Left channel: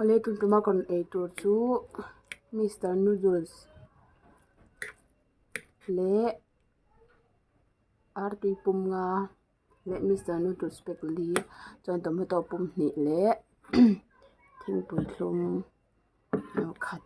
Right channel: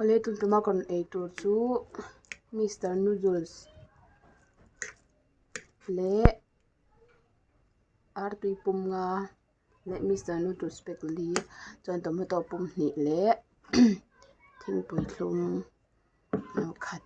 ole tuntuma kon ei tur chu Mr Noodles le ar tui pum nga le Mr Noodles pek li chuan tomato pum hnih le thingpui thlum no khat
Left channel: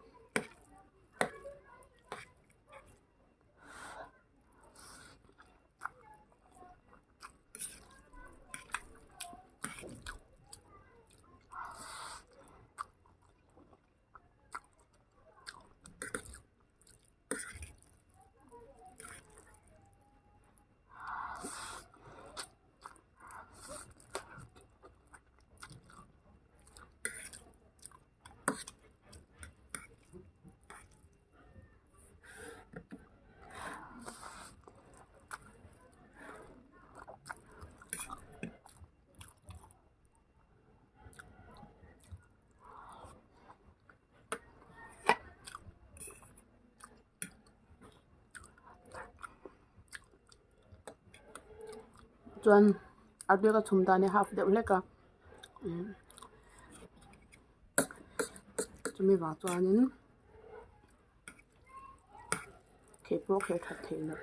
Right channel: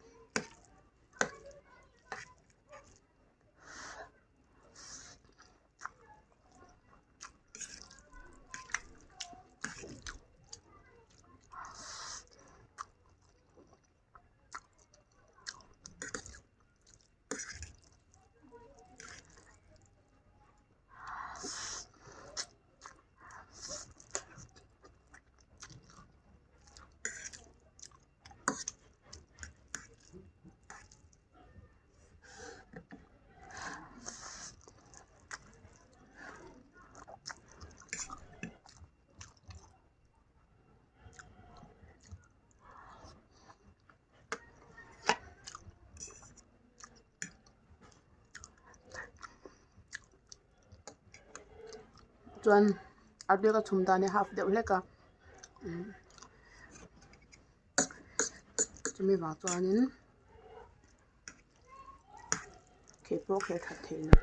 chuan arbeka chhumda ne half deuh hleka chumi wang chuanin khei pawh kher that theihna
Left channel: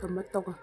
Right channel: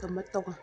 tomato ka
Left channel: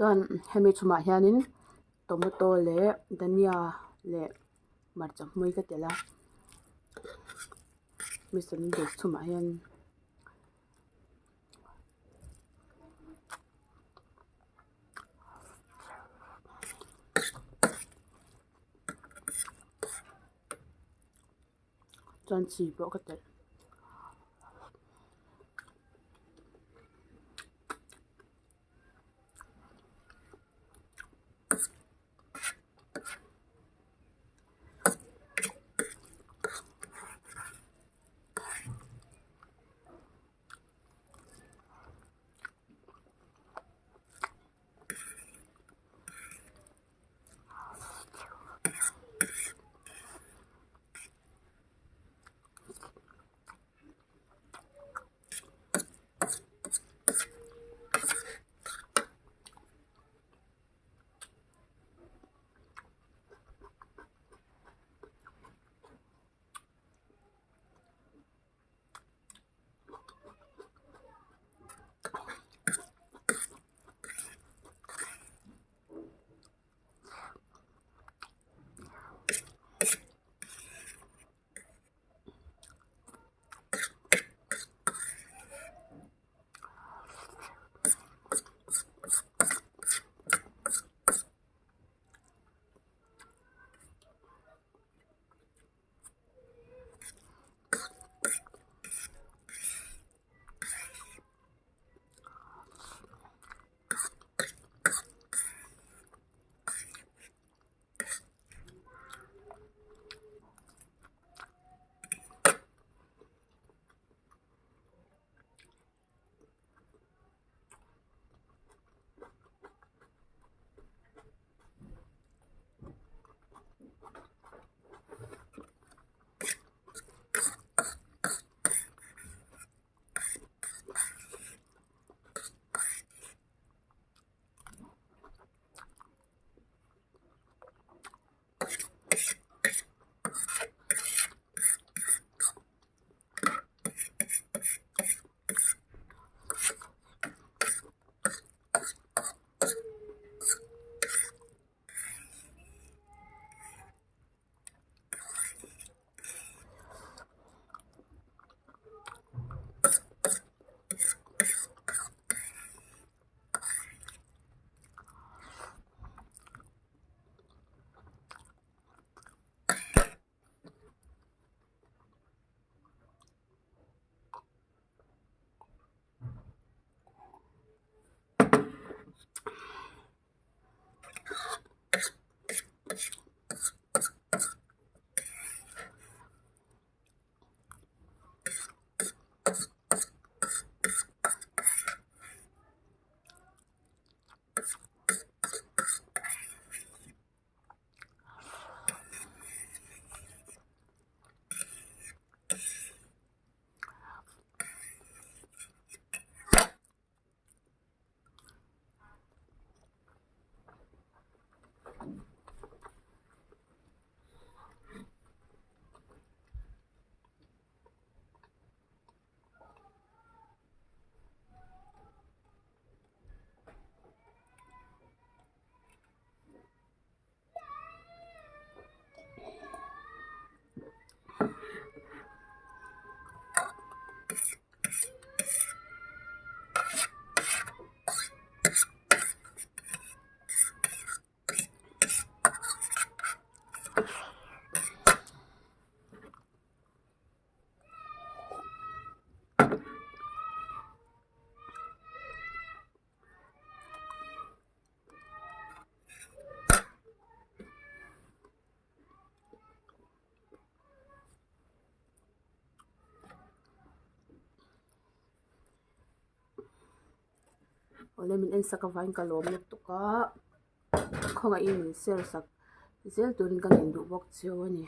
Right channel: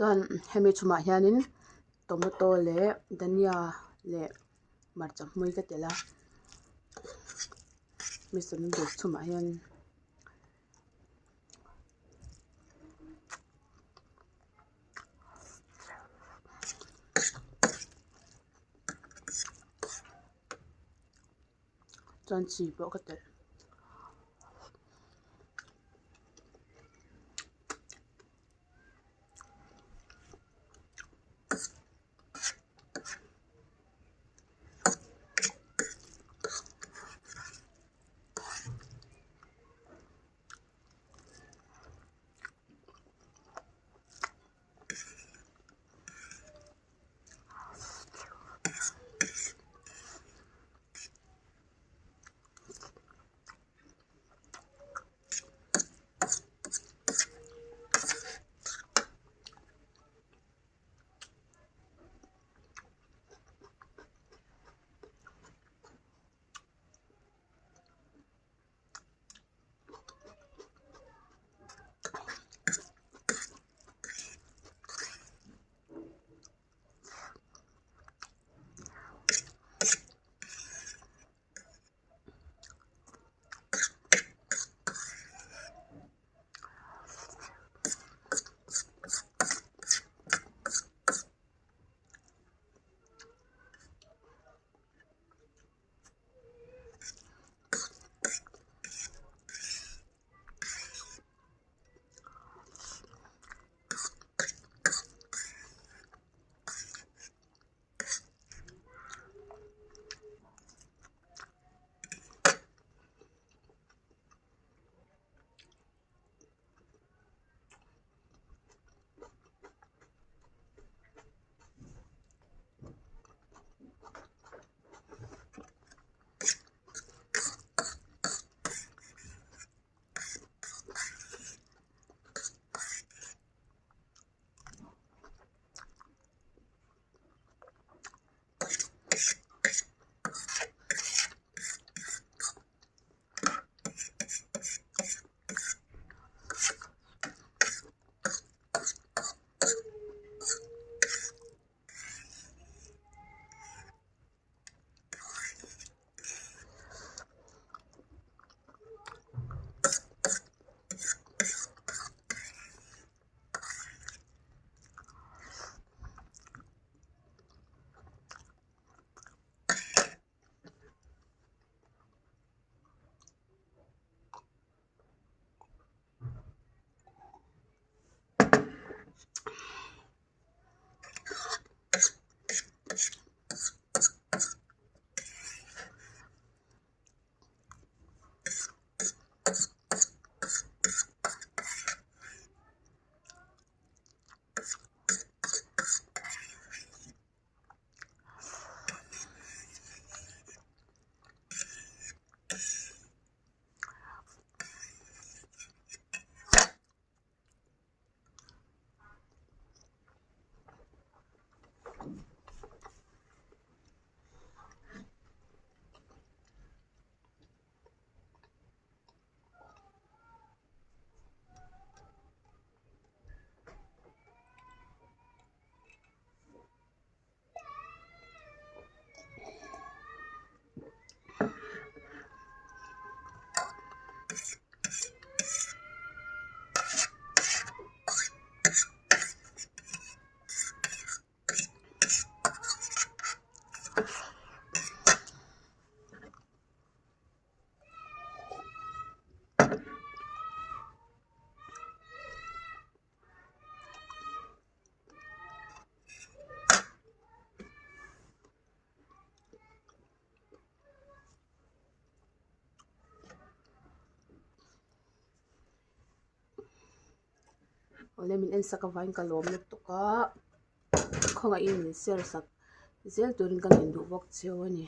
chuan hemi chumah hianin tomato le dhania le marcha hmui ka tela Mr Noodles chumah hian chuan chi pawh ka tel olemin en saka vain kalom lek tuka khonga in sel sak zel turin kan in du bok cheu ani